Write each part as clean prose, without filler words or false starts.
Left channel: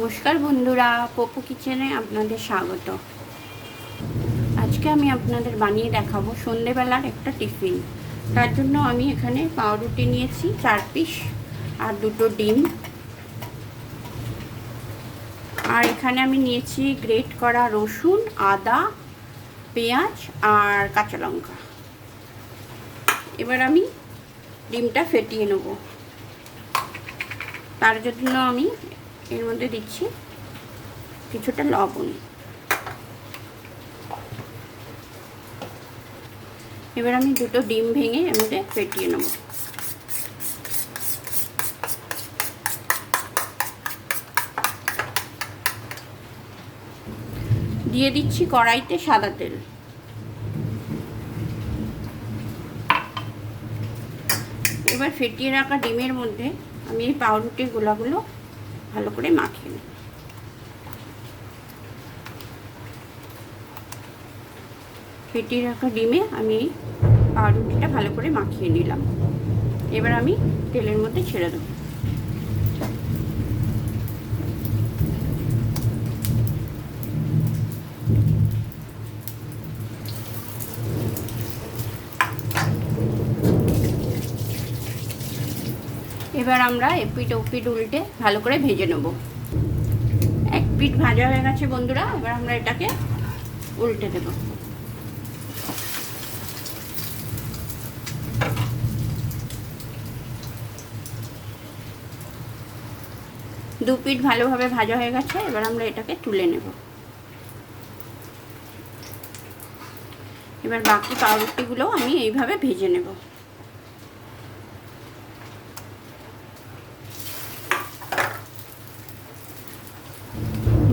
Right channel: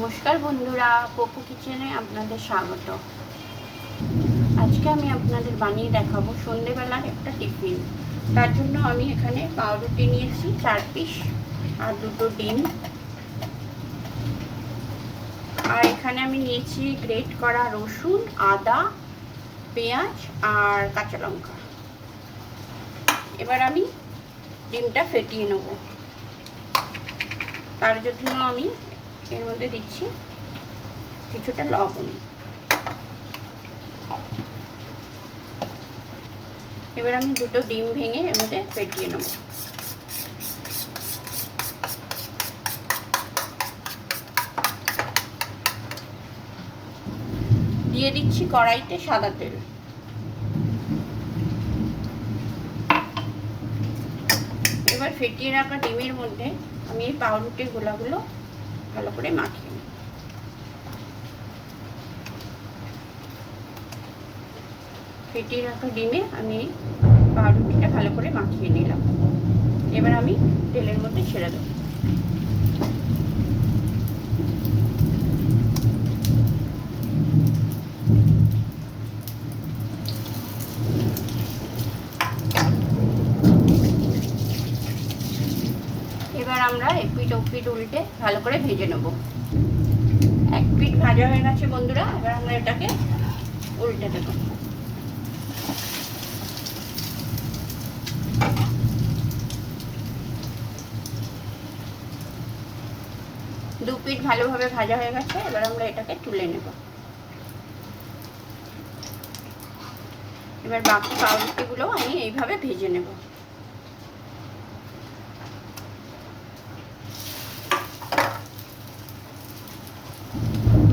নমস্কার বন্ধুরা, পপু কিচেনে আপনাদের স্বাগত। আজকে আমি আপনাদের বানিয়ে দেখাবো সন্ধেবেলার একটা টিফিন। তার জন্য আমি এখানে পাউরুটি নিয়েছি 4 পিস আর 2টো ডিম। আর এখানে আমি নিয়েছি গ্রেট করা রসুন, আদা, পেঁয়াজ আর কাঁচা লঙ্কা। এবার আমি ডিমটা ফেটিয়ে নেব। তার জন্য আমি এর মধ্যে দিচ্ছি কিছুটা লবণ। এবার আমি 2টো ডিম ভেঙে এর মধ্যে ফেটিয়ে নেব। দিয়ে দিচ্ছি কড়াইতে সাদা তেল। এবার ফেটিয়ে রাখা ডিমের মধ্যে আমি এই পাউরুটির গোলাগুলো ভালো করে মাখিয়ে নেব। ফেটিয়ে রাখা ডিমে আমি পাউরুটিটা ভালো করে মাখিয়ে নিলাম। এবার আমি তেলের মধ্যে ছেড়ে দেব। এবার আমরা এপিঠ ওপিঠ উল্টে ভালো করে ভেজে নেব। এক পিঠ ভাজা হয়ে গেছে বন্ধুরা, এবার আমরা এটাকে উল্টে দেব। দু পিঠ ভালোভাবে ভাজা হয়ে গেছে, এবার আমরা এটাকে তুলে নেব। এবার বাকি পাউরুটিগুলো আমি এইভাবে ভেজে নেব।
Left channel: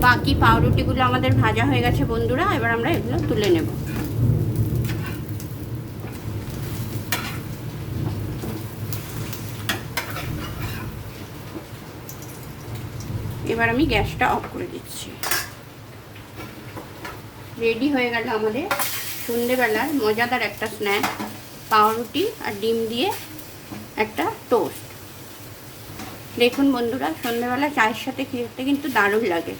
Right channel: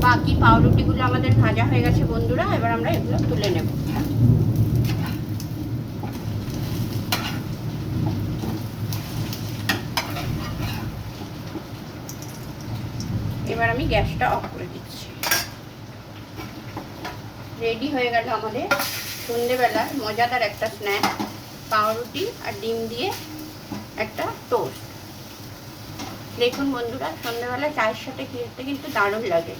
বাকি পাউরুটিগুলো আমাদের ভাজা হয়ে গেছে বন্ধুরা, এবার আমরা এগুলো তুলে নেব। এবার আমি গ্যাসটা অফ করে দিচ্ছি। রেডি হয়ে গেল আমাদের সন্ধ্যেবেলার মজাদার একটা স্ন্যাক, পাউরুটি আর ডিম দিয়ে একটা টোস্ট। দেখুন বন্ধুরা, সন্ধ্যেবেলা চায়ের সাথে খেতে কিন্তু দারুণ লাগে।